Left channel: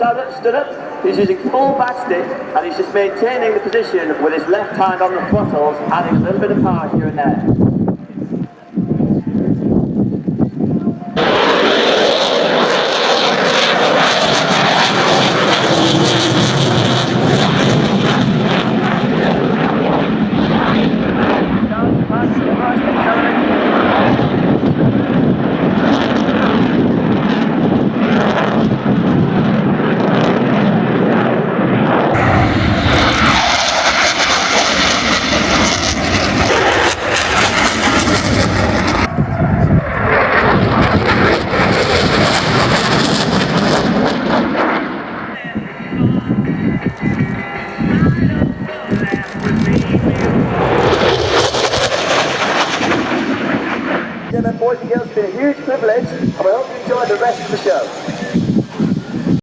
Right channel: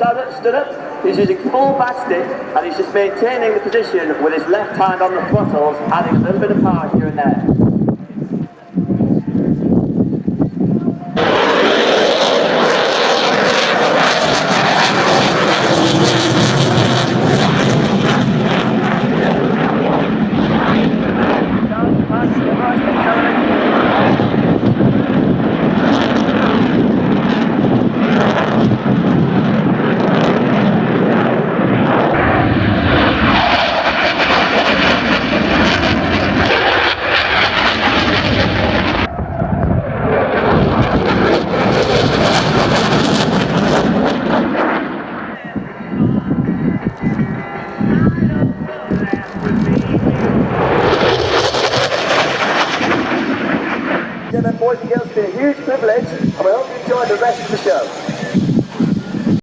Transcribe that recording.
stood up, he's using full back stick, and he's just maintaining the position with his left hand on the throttles, adding a little bit of power here and there.